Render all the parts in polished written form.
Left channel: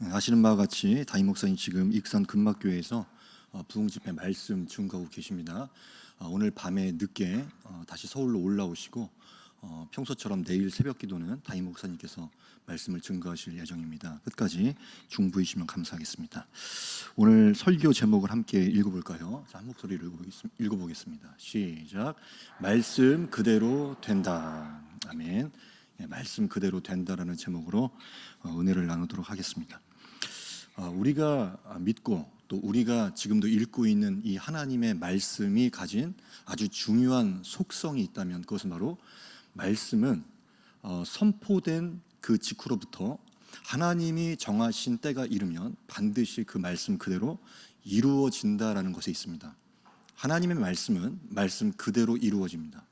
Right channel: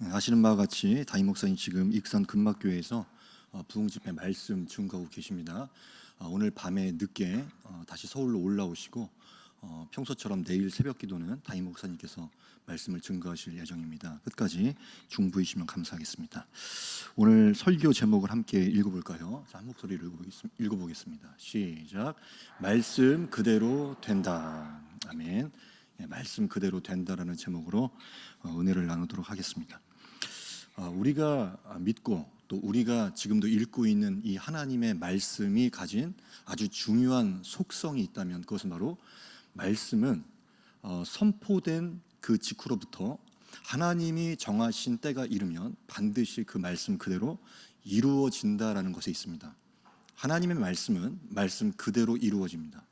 아시는 바와 같이 담임 목사님 지금 익산 금막교회에서 부흥집회 말씀 증거하고 계십니다. 오늘 밤에 늦게 다시 서울로 올라오시고 평소처럼 내일 새벽 기도는 담임 목사님께서 말씀을 증거하실 예정입니다. 끝까지 중부이시면 감사하겠습니다. 오늘 설교 제목을 함께 읽어볼까요? 자, 한 목소리로 읽어보겠습니다. 시작. 말씀 그대로 된다. 아멘. 말씀 그대로 된다라는 제목으로 은혜를 나누도록 하겠습니다. 우리가 믿고 또 우리가 지금도 읽고 있는 이 하나님의 말씀이 가진 아주 중요한 속성이 있다면 그것은 바로 말씀은 선포된 그 직후로부터 하나님이 정하신 때가 이르면 반드시 그 말씀 그대로 이루어진다라는 것에 있습니다. 하나님의 말씀은 말씀 그대로 이루어집니다.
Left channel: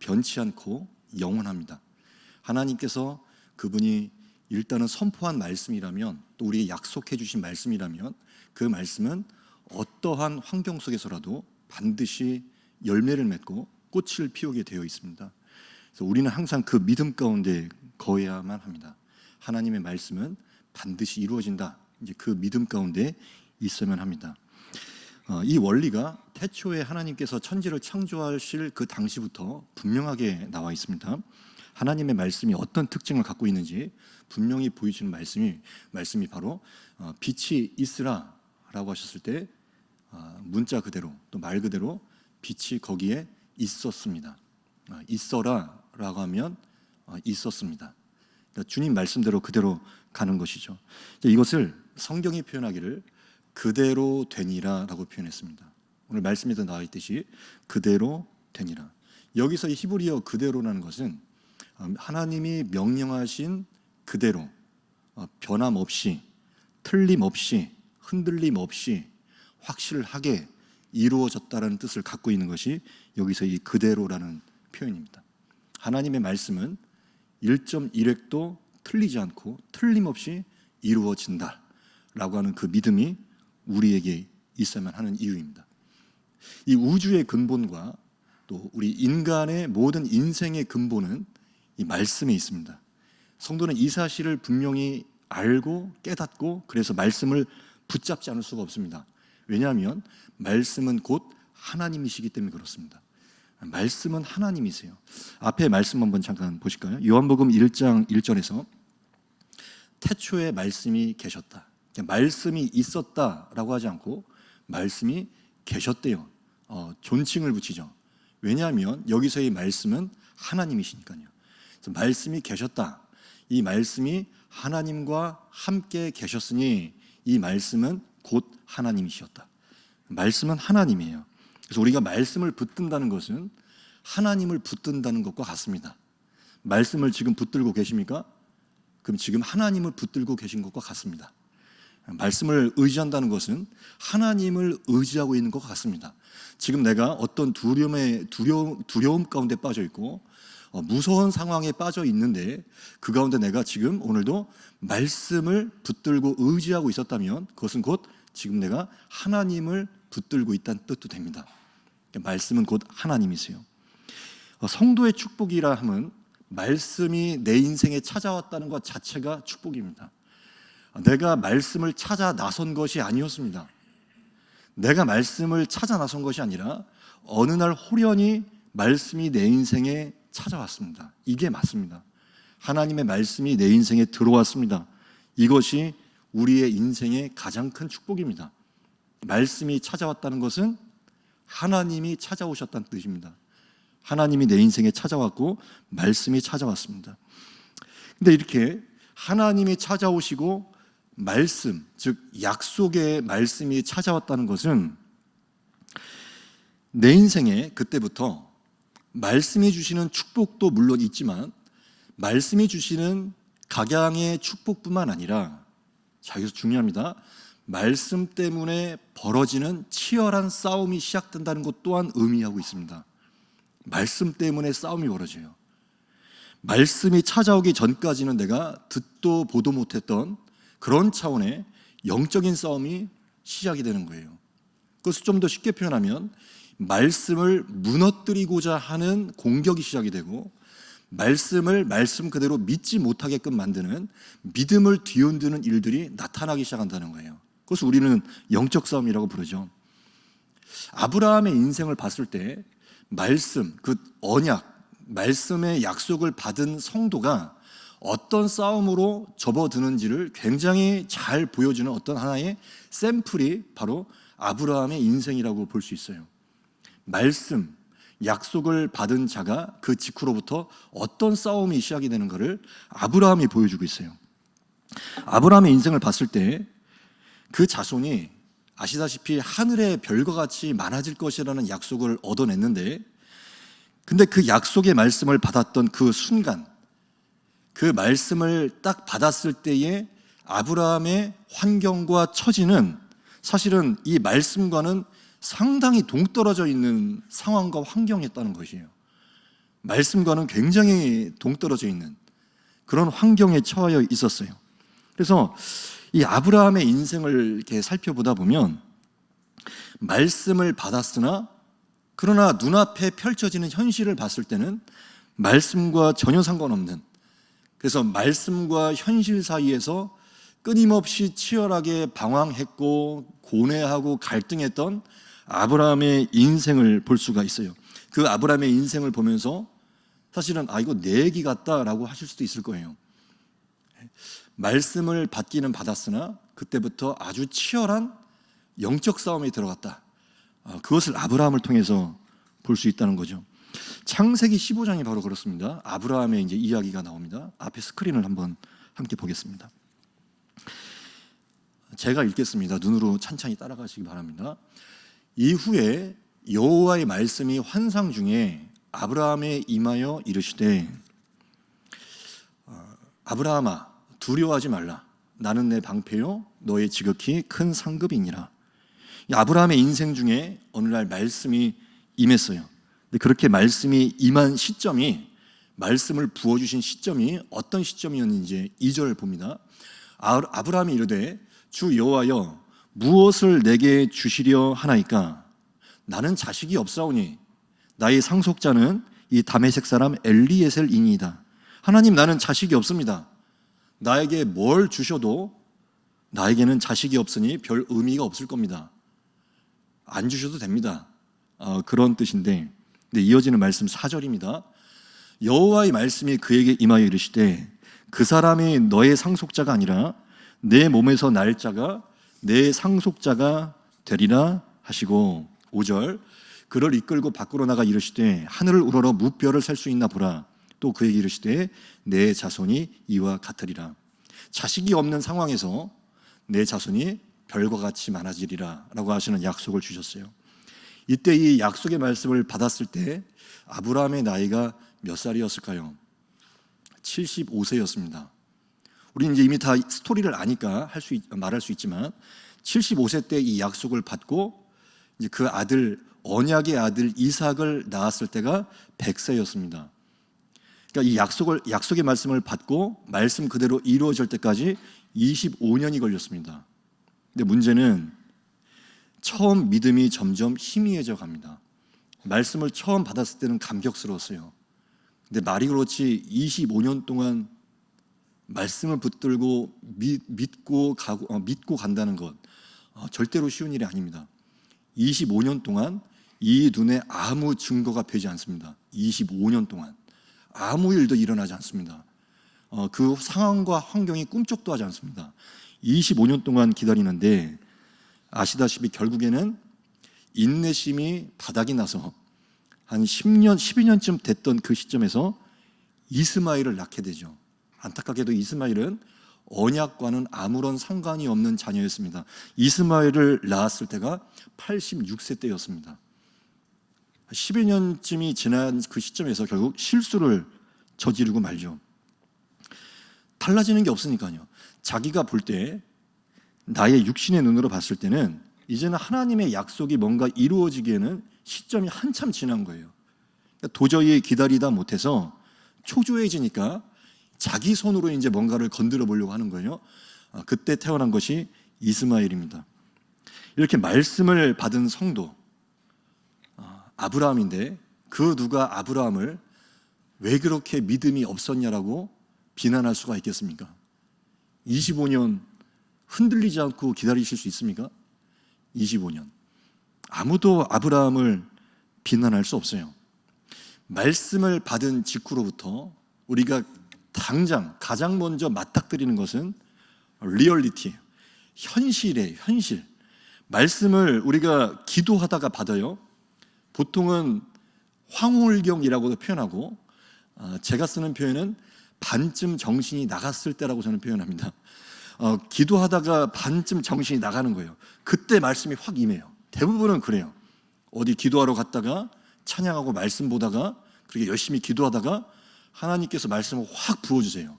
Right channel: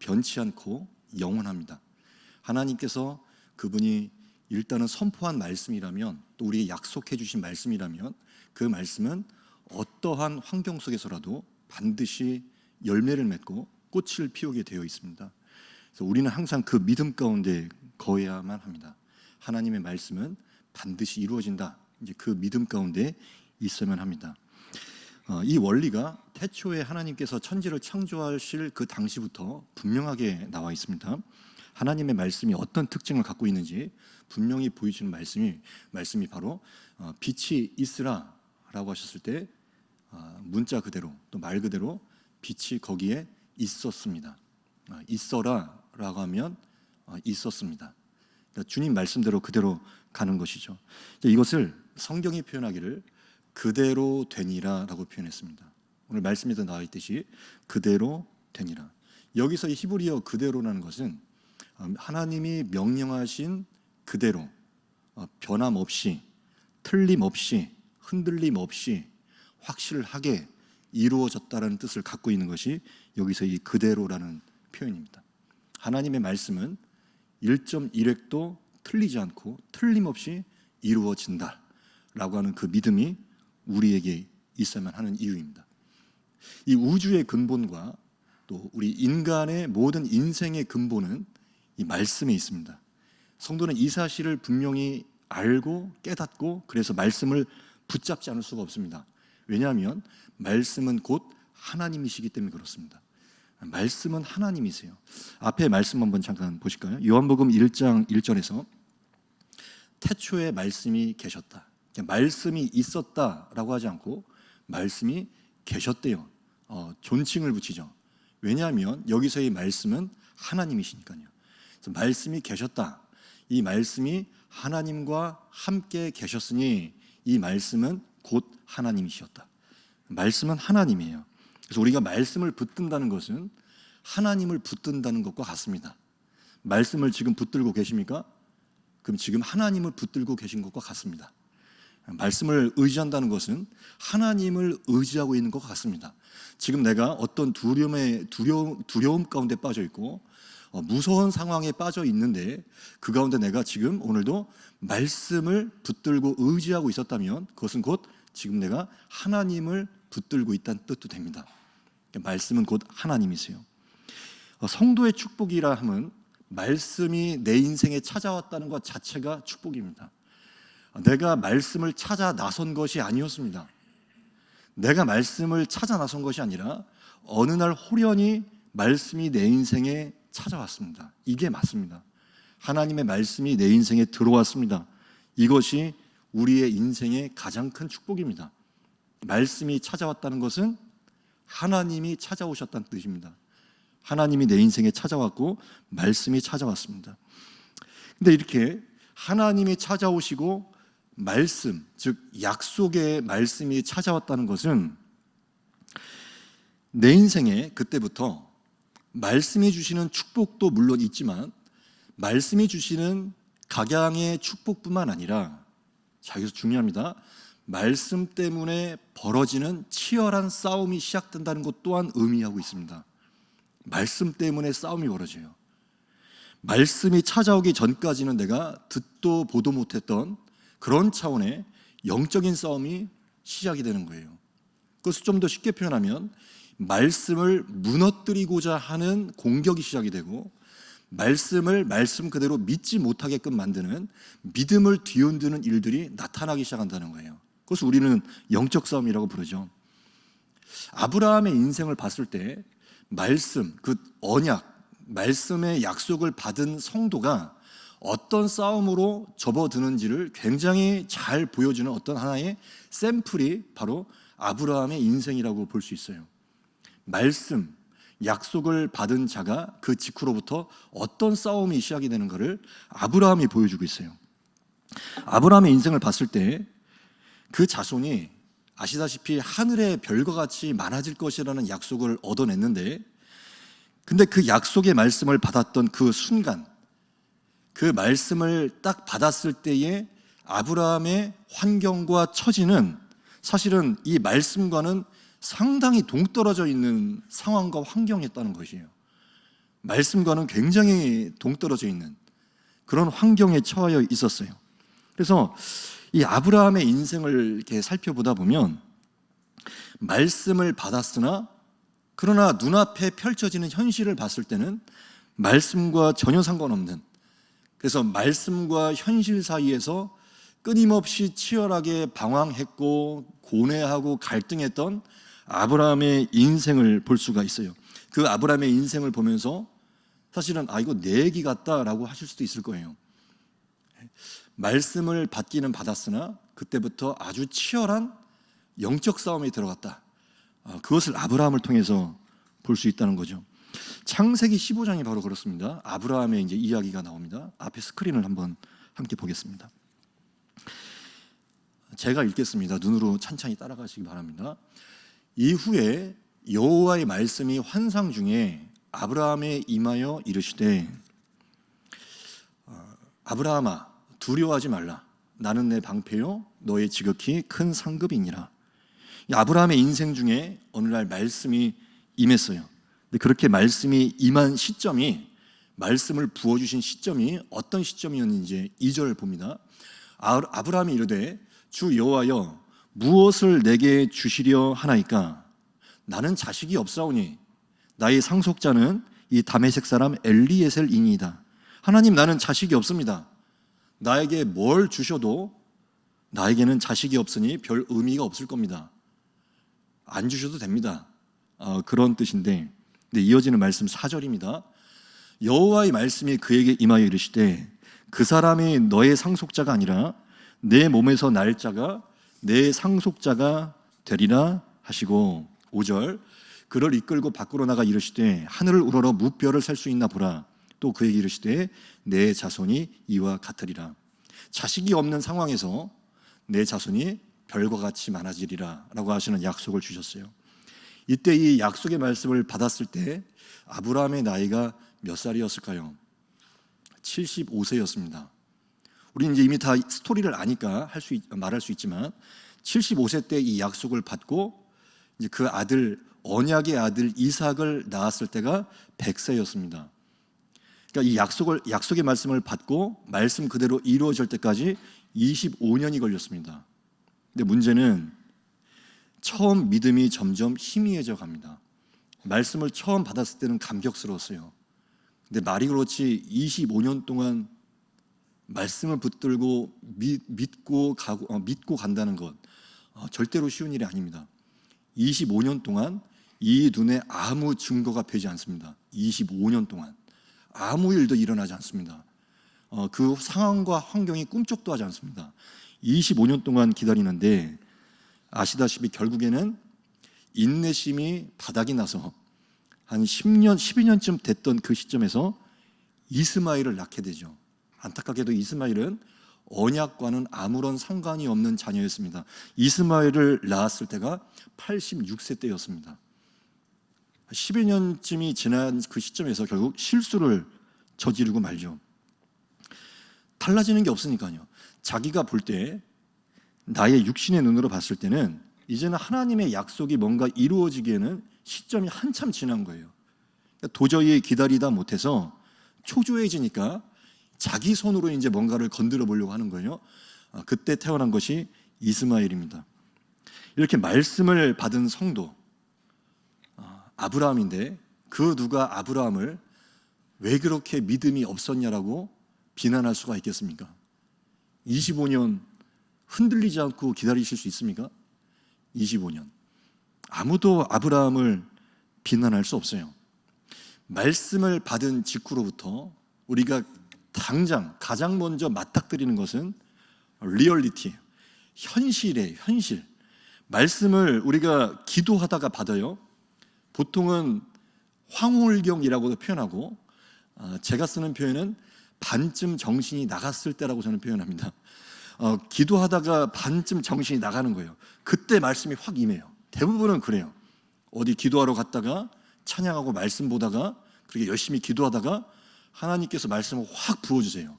변치 않고 영원합니다. 하나님께서 그분이 일단은 선포한 말씀이라면 또 우리에게 약속해 주신 말씀이라면 그 말씀은 어떠한 환경 속에서라도 반드시 열매를 맺고 꽃을 피우게 되어 있습니다. 그래서 우리는 항상 그 믿음 가운데 거해야만 합니다. 하나님의 말씀은 반드시 이루어진다. 이제 그 믿음 가운데 있어야만 합니다. 이 원리가 태초에 하나님께서 천지를 창조하실 그 당시부터 분명하게 나와 있습니다. 하나님의 말씀이 어떤 특징을 갖고 있는지 분명히 보여주는 말씀이 바로 빛이 있으라라고 하셨을 때 문자 그대로 또 말 그대로 빛이 거기에 있었습니다. 있어라라고 하면 있었습니다. 그러니까 주님 말씀대로 그대로 가는 것이죠. 이것을 성경이 표현하기를 그대로 되니라라고 표현했습니다. 오늘 말씀에도 나와 있듯이 그대로 되니라. 여기서 이 히브리어 그대로라는 것은 하나님이 명령하신 그대로 변함없이 틀림없이 흔들림 없이 확실하게 이루어졌다는 뜻을 갖고 있는 것이 여기서 이 그대로라는 표현입니다. 하나님의 말씀은 1.1획도 틀리지 않고 틀림없이 이루어진다라고 하는 그 믿음이 우리에게 있어야만 하는 이유입니다. 이 우주의 근본과 또 우리 인간의 모든 인생의 근본은 이 말씀에 있습니다. 성도는 이 사실을 분명히 알고 깨닫고 그래서 말씀을 붙잡지 않을 수가 없습니다. 왜냐하면 말씀은 곧 하나님이시기 때문에 그렇습니다. 말씀은 하나님이세요. 앞에 말씀 한번 잠깐 보실까요? 요한복음 1장 1절에서 태초에 말씀이 계셨다. 말씀이 있었다라고 하지 않고 말씀이 계셨대요. 존칭을 붙이죠. 왜냐하면 여기서의 말씀은 하나님이시니까요. 그래서 말씀이 계셨다. 이 말씀이 하나님과 함께 계셨으니 이 말씀은 곧 하나님이셨다. 말씀은 하나님이에요. 그래서 우리가 말씀을 붙든다는 것은 하나님을 붙든다는 것과 같습니다. 말씀을 지금 붙들고 계십니까? 그럼 지금 하나님을 붙들고 계신 것과 같습니다. 말씀을 의지한다는 것은 하나님을 의지하고 있는 것과 같습니다. 지금 내가 어떤 두려움 가운데 빠져 있고 무서운 상황에 빠져 있는데 그 가운데 내가 지금 오늘도 말씀을 붙들고 의지하고 있었다면 그것은 곧 지금 내가 하나님을 붙들고 있다는 뜻도 됩니다. 말씀은 곧 하나님이세요. 성도의 축복이라 함은 말씀이 내 인생에 찾아왔다는 것 자체가 축복입니다. 내가 말씀을 찾아 나선 것이 아니었습니다. 내가 말씀을 찾아 나선 것이 아니라 어느 날 호련히 말씀이 내 인생에 찾아왔습니다. 이게 맞습니다. 하나님의 말씀이 내 인생에 들어왔습니다. 이것이 우리의 인생의 가장 큰 축복입니다. 말씀이 찾아왔다는 것은 하나님이 찾아오셨다는 뜻입니다. 하나님이 내 인생에 찾아왔고 말씀이 찾아왔습니다. 근데 이렇게 하나님이 찾아오시고 말씀, 즉 약속의 말씀이 찾아왔다는 것은 내 인생에 그때부터 말씀이 주시는 축복도 물론 있지만 말씀이 주시는 각양의 축복뿐만 아니라 자, 여기서 중요합니다. 말씀 때문에 벌어지는 치열한 싸움이 시작된다는 것 또한 의미하고 있습니다. 말씀 때문에 싸움이 벌어져요. 말씀이 찾아오기 전까지는 내가 듣도 보도 못했던 그런 차원의 영적인 싸움이 시작이 되는 거예요. 그것을 좀 더 쉽게 표현하면 말씀을 무너뜨리고자 하는 공격이 시작이 되고 말씀을 말씀 그대로 믿지 못하게끔 만드는 믿음을 뒤흔드는 일들이 나타나기 시작한다는 거예요. 그것을 우리는 영적 싸움이라고 부르죠. 아브라함의 인생을 봤을 때 말씀, 그 언약, 말씀의 약속을 받은 성도가 어떤 싸움으로 접어드는지를 굉장히 잘 보여주는 어떤 하나의 샘플이 바로 아브라함의 인생이라고 볼 수 있어요. 말씀, 약속을 받은 자가 그 직후로부터 어떤 싸움이 시작이 되는 것을 아브라함이 보여주고 있어요. 아브라함의 인생을 봤을 때 그 자손이 아시다시피 하늘의 별과 같이 많아질 것이라는 약속을 얻어냈는데, 근데 그 약속의 말씀을 받았던 그 순간, 그 말씀을 딱 받았을 때의 아브라함의 환경과 처지는 사실은 이 말씀과는 상당히 동떨어져 있는 상황과 환경이었다는 것이에요. 말씀과는 굉장히 동떨어져 있는 그런 환경에 처해 있었어요. 그래서 이 아브라함의 인생을 이렇게 살펴보다 보면 말씀을 받았으나 그러나 눈앞에 펼쳐지는 현실을 봤을 때는 말씀과 전혀 상관없는, 그래서 말씀과 현실 사이에서 끊임없이 치열하게 방황했고 고뇌하고 갈등했던 아브라함의 인생을 볼 수가 있어요. 그 아브라함의 인생을 보면서 사실은 이거 내 얘기 같다라고 하실 수도 있을 거예요. 말씀을 받기는 받았으나 그때부터 아주 치열한 영적 싸움에 들어갔다. 그것을 아브라함을 통해서 볼 수 있다는 거죠. 창세기 15장이 바로 그렇습니다. 아브라함의 이제 이야기가 나옵니다. 앞에 스크린을 한번 함께 보겠습니다. 제가 읽겠습니다. 눈으로 찬찬히 따라가시기 바랍니다. 이후에 여호와의 말씀이 환상 중에 아브라함에 임하여 이르시되 아브라함아 두려워하지 말라. 나는 내 방패요 너의 지극히 큰 상급이니라. 아브라함의 인생 중에 어느 날 말씀이 임했어요. 근데 그렇게 말씀이 임한 시점이, 말씀을 부어주신 시점이 어떤 시점이었는지 2절 봅니다. 아브라함이 이르되 주 여호와여 무엇을 내게 주시려 하나이까? 나는 자식이 없사오니 나의 상속자는 이 다메섹 사람 엘리에셀이니이다. 하나님, 나는 자식이 없습니다. 나에게 뭘 주셔도 나에게는 자식이 없으니 별 의미가 없을 겁니다. 안 주셔도 됩니다. 그런 뜻인데, 네, 이어지는 말씀 4절입니다. 여호와의 말씀이 그에게 임하여 이르시되 그 사람이 너의 상속자가 아니라 내 몸에서 날 자가 내 상속자가 되리라 하시고, 5절 그를 이끌고 밖으로 나가 이르시되 하늘을 우러러 무뼈를 셀 수 있나 보라. 또 그에게 이르시되 내 자손이 이와 같으리라. 자식이 없는 상황에서 내 자손이 별과 같이 많아지리라 라고 하시는 약속을 주셨어요. 이때 이 약속의 말씀을 받았을 때 아브라함의 나이가 몇 살이었을까요? 75세였습니다. 우리는 이제 이미 다 스토리를 아니까 말할 수 있지만 75세 때 이 약속을 받고 이제 그 아들, 언약의 아들 이삭을 낳았을 때가 100세였습니다. 그러니까 이 약속의 말씀을 받고 말씀 그대로 이루어질 때까지 25년이 걸렸습니다. 근데 문제는 처음 믿음이 점점 희미해져 갑니다. 말씀을 처음 받았을 때는 감격스러웠어요. 근데 말이 그렇지 25년 동안 말씀을 붙들고 믿고 간다는 것 절대로 쉬운 일이 아닙니다. 25년 동안 이 눈에 아무 증거가 되지 않습니다. 25년 동안 아무 일도 일어나지 않습니다. 그 상황과 환경이 꿈쩍도 하지 않습니다. 25년 동안 기다리는데 아시다시피 결국에는 인내심이 바닥이 나서 한 10년, 12년쯤 됐던 그 시점에서 이스마엘을 낳게 되죠. 안타깝게도 이스마엘은 언약과는 아무런 상관이 없는 자녀였습니다. 이스마엘을 낳았을 때가 86세 때였습니다. 12년쯤이 지난 그 시점에서 결국 실수를 저지르고 말죠. 달라지는 게 없으니까요. 자기가 볼 때 나의 육신의 눈으로 봤을 때는 이제는 하나님의 약속이 뭔가 이루어지기에는 시점이 한참 지난 거예요. 그러니까 도저히 기다리다 못해서 초조해지니까 자기 손으로 이제 뭔가를 건드려 보려고 하는 거예요. 그때 태어난 것이 이스마엘입니다. 이렇게 말씀을 받은 성도 아브라함인데 그 누가 아브라함을 왜 그렇게 믿음이 없었냐라고 비난할 수가 있겠습니까? 25년 흔들리지 않고 기다리실 수 있습니까? 25년. 아무도 아브라함을 비난할 수 없어요. 말씀을 받은 직후로부터 우리가 당장 가장 먼저 맞닥뜨리는 것은 리얼리티예요. 현실이에요. 현실. 말씀을 우리가 기도하다가 받아요. 보통은 황홀경이라고도 표현하고, 제가 쓰는 표현은 반쯤 정신이 나갔을 때라고 저는 표현합니다. 기도하다가 반쯤 정신이 나가는 거예요. 그때 말씀이 확 임해요. 대부분은 그래요. 어디 기도하러 갔다가 찬양하고 말씀 보다가 그렇게 열심히 기도하다가 하나님께서 말씀을 확 부어주세요.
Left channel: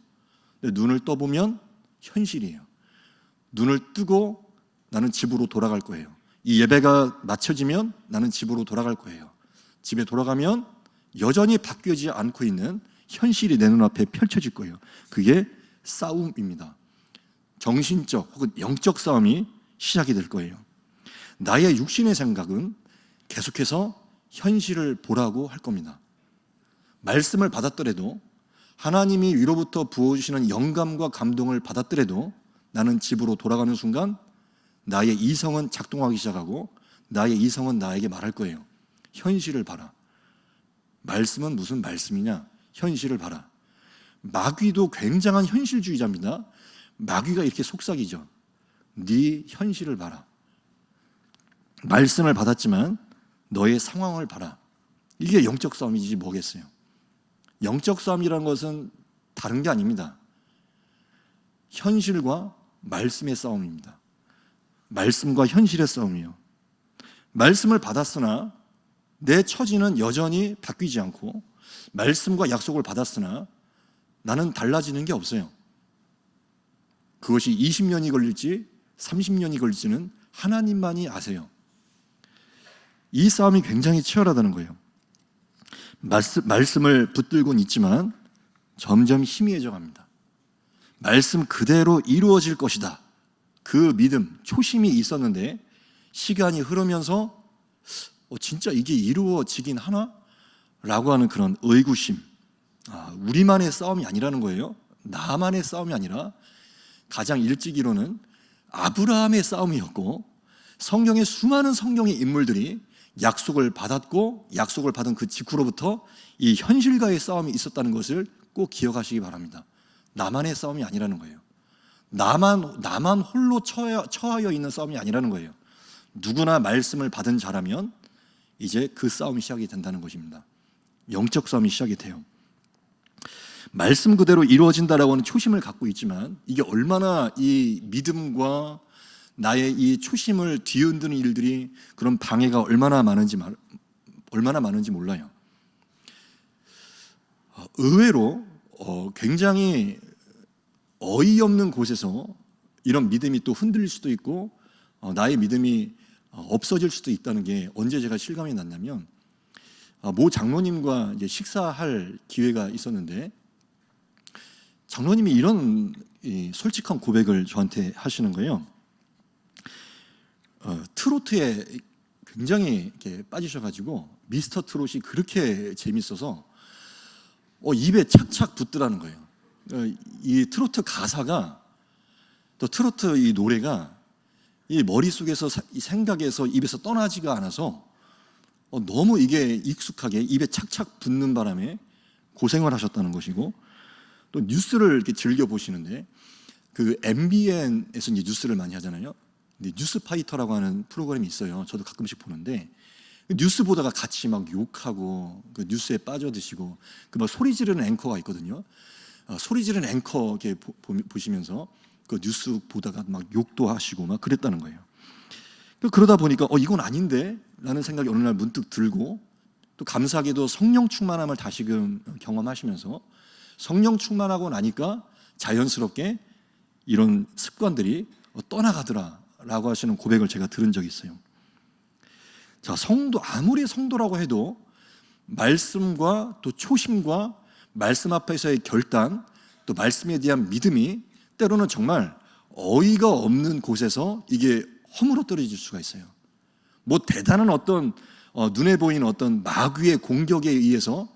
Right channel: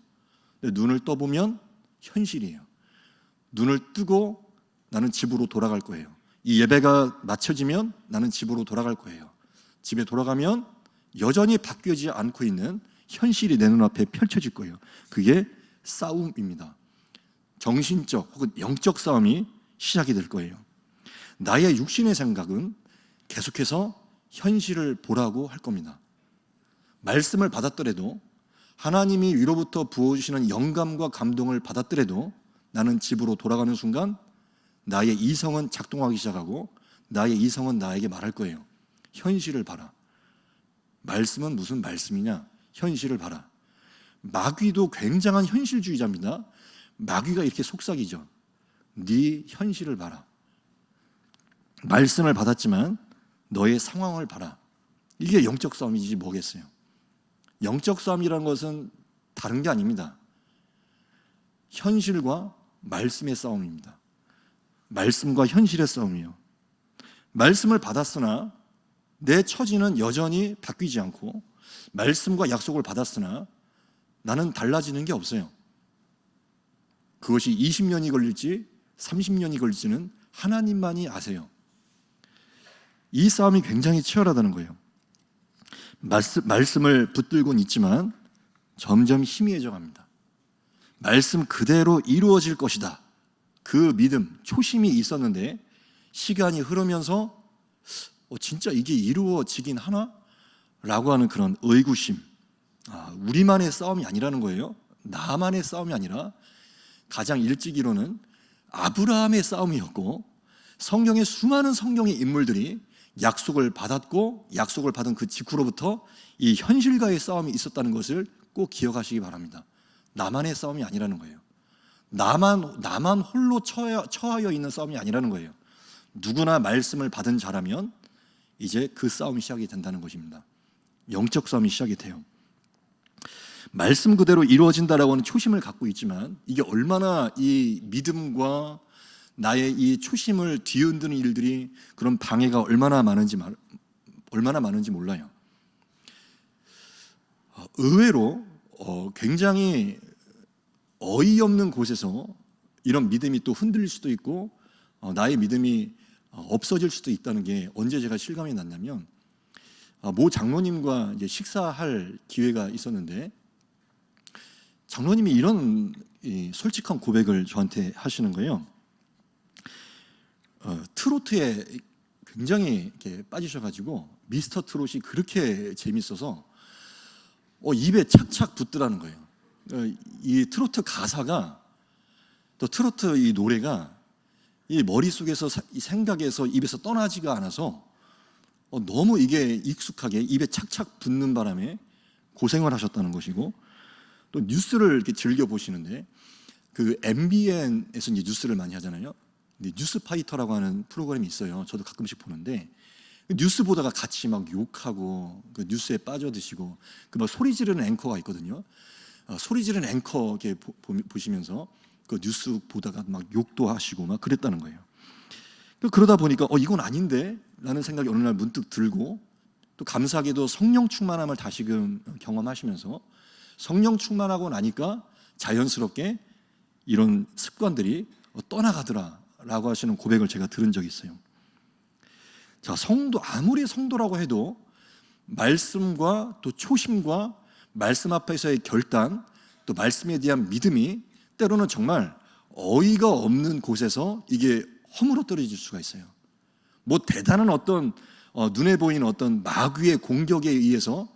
근데 눈을 떠보면 현실이에요. 눈을 뜨고 나는 집으로 돌아갈 거예요. 이 예배가 마쳐지면 나는 집으로 돌아갈 거예요. 집에 돌아가면 여전히 바뀌지 않고 있는 현실이 내 눈앞에 펼쳐질 거예요. 그게 싸움입니다. 정신적 혹은 영적 싸움이 시작이 될 거예요. 나의 육신의 생각은 계속해서 현실을 보라고 할 겁니다. 말씀을 받았더라도, 하나님이 위로부터 부어주시는 영감과 감동을 받았더라도 나는 집으로 돌아가는 순간 나의 이성은 작동하기 시작하고 나의 이성은 나에게 말할 거예요. 현실을 봐라. 말씀은 무슨 말씀이냐? 현실을 봐라. 마귀도 굉장한 현실주의자입니다. 마귀가 이렇게 속삭이죠. 네 현실을 봐라. 말씀을 받았지만 너의 상황을 봐라. 이게 영적 싸움이지 뭐겠어요. 영적 싸움이라는 것은 다른 게 아닙니다. 현실과 말씀의 싸움입니다. 말씀과 현실의 싸움이에요. 말씀을 받았으나 내 처지는 여전히 바뀌지 않고, 말씀과 약속을 받았으나 나는 달라지는 게 없어요. 그것이 20년이 걸릴지 30년이 걸릴지는 하나님만이 아세요. 이 싸움이 굉장히 치열하다는 거예요. 말씀을 붙들고는 있지만 점점 희미해져 갑니다. 말씀 그대로 이루어질 것이다. 그 믿음, 초심이 있었는데 시간이 흐르면서 진짜 이게 이루어지긴 하나? 라고 하는 그런 의구심. 우리만의 싸움이 아니라는 거예요. 나만의 싸움이 아니라 가장 일찍이로는 아브라함의 싸움이었고, 성경의 수많은 성경의 인물들이 약속을 받았고 약속을 받은 그 직후로부터 이 현실과의 싸움이 있었다는 것을 꼭 기억하시기 바랍니다. 나만의 싸움이 아니라는 거예요. 나만 홀로 처하여 있는 싸움이 아니라는 거예요. 누구나 말씀을 받은 자라면 이제 그 싸움이 시작이 된다는 것입니다. 영적 싸움이 시작이 돼요. 말씀 그대로 이루어진다라고 하는 초심을 갖고 있지만 이게 얼마나 이 믿음과 나의 이 초심을 뒤흔드는 일들이, 그런 방해가 얼마나 많은지 몰라요. 의외로 굉장히 어이없는 곳에서 이런 믿음이 또 흔들릴 수도 있고 나의 믿음이 없어질 수도 있다는 게 언제 제가 실감이 났냐면, 모 장로님과 이제 식사할 기회가 있었는데 장로님이 이런 솔직한 고백을 저한테 하시는 거예요. 트로트에 굉장히 이렇게 빠지셔가지고 미스터 트롯이 그렇게 재밌어서 입에 착착 붙더라는 거예요. 이 트로트 가사가, 또 트로트 이 노래가 이 머릿속에서 이 생각에서 입에서 떠나지가 않아서 너무 이게 익숙하게 입에 착착 붙는 바람에 고생을 하셨다는 것이고, 또 뉴스를 이렇게 즐겨 보시는데 그 MBN에서 이제 뉴스를 많이 하잖아요. 근데 뉴스 파이터라고 하는 프로그램이 있어요. 저도 가끔씩 보는데 뉴스 보다가 같이 막 욕하고 그 뉴스에 빠져드시고 그 막 소리 지르는 앵커가 있거든요. 소리 지르는 앵커 이렇게 보시면서 그 뉴스 보다가 막 욕도 하시고 막 그랬다는 거예요. 그러다 보니까 이건 아닌데 라는 생각이 어느 날 문득 들고, 또 감사하게도 성령 충만함을 다시금 경험하시면서 성령 충만하고 나니까 자연스럽게 이런 습관들이 떠나가더라라고 하시는 고백을 제가 들은 적이 있어요. 자, 아무리 성도라고 해도 말씀과 또 초심과 말씀 앞에서의 결단, 또 말씀에 대한 믿음이 때로는 정말 어이가 없는 곳에서 이게 허물어 떨어질 수가 있어요. 뭐 대단한 어떤 눈에 보이는 어떤 마귀의 공격에 의해서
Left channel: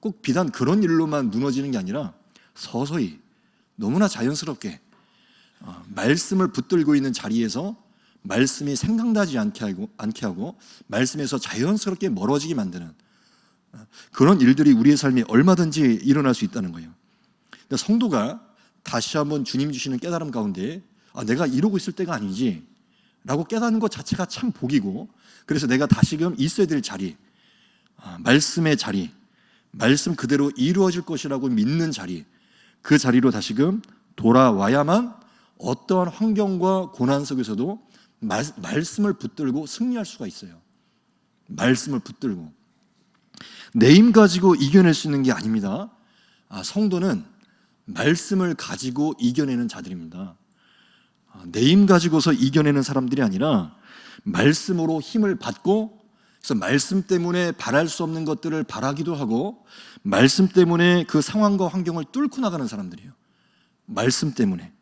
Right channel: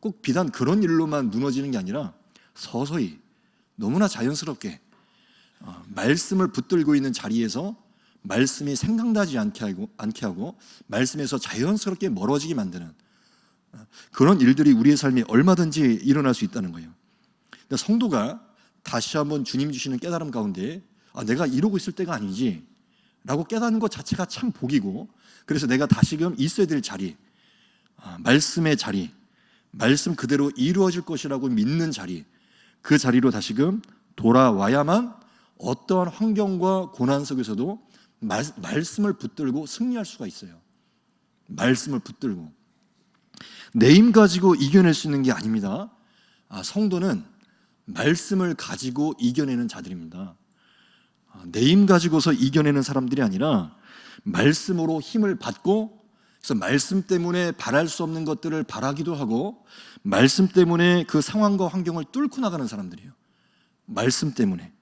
꼭 비단 그런 일로만 무너지는 게 아니라 서서히 너무나 자연스럽게 말씀을 붙들고 있는 자리에서 말씀이 생각나지 않게 하고 말씀에서 자연스럽게 멀어지게 만드는 그런 일들이 우리의 삶에 얼마든지 일어날 수 있다는 거예요. 성도가 다시 한번 주님 주시는 깨달음 가운데 내가 이러고 있을 때가 아니지 라고 깨닫는 것 자체가 참 복이고, 그래서 내가 다시금 있어야 될 자리, 말씀의 자리, 말씀 그대로 이루어질 것이라고 믿는 자리, 그 자리로 다시금 돌아와야만 어떠한 환경과 고난 속에서도 말씀을 붙들고 승리할 수가 있어요. 말씀을 붙들고 내 힘 가지고 이겨낼 수 있는 게 아닙니다. 성도는 말씀을 가지고 이겨내는 자들입니다. 내 힘 가지고서 이겨내는 사람들이 아니라 말씀으로 힘을 받고, 그래서 말씀 때문에 바랄 수 없는 것들을 바라기도 하고 말씀 때문에 그 상황과 환경을 뚫고 나가는 사람들이에요. 말씀 때문에.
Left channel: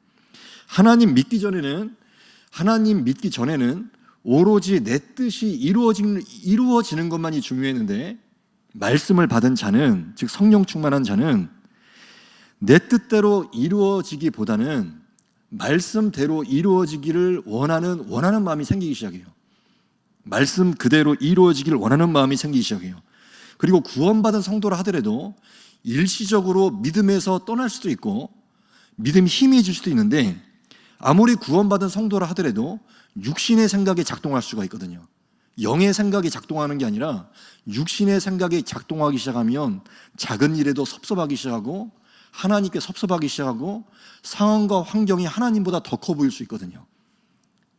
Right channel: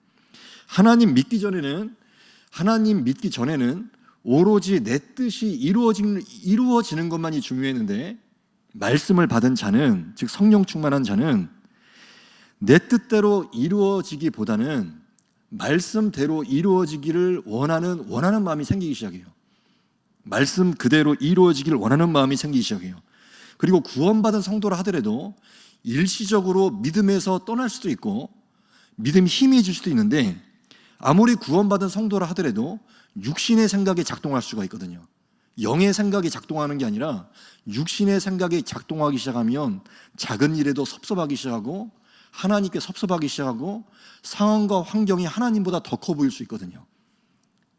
하나님 믿기 전에는 오로지 내 뜻이 이루어지는 것만이 중요했는데, 말씀을 받은 자는, 즉 성령 충만한 자는 내 뜻대로 이루어지기보다는 말씀대로 이루어지기를 원하는 마음이 생기기 시작해요. 말씀 그대로 이루어지기를 원하는 마음이 생기기 시작해요. 그리고 구원받은 성도라 하더라도 일시적으로 믿음에서 떠날 수도 있고 믿음이 희미해질 수도 있는데, 아무리 구원받은 성도라 하더라도 육신의 생각이 작동할 수가 있거든요. 영의 생각이 작동하는 게 아니라 육신의 생각이 작동하기 시작하면 작은 일에도 섭섭하기 시작하고 하나님께 섭섭하기 시작하고 상황과 환경이 하나님보다 더 커 보일 수 있거든요.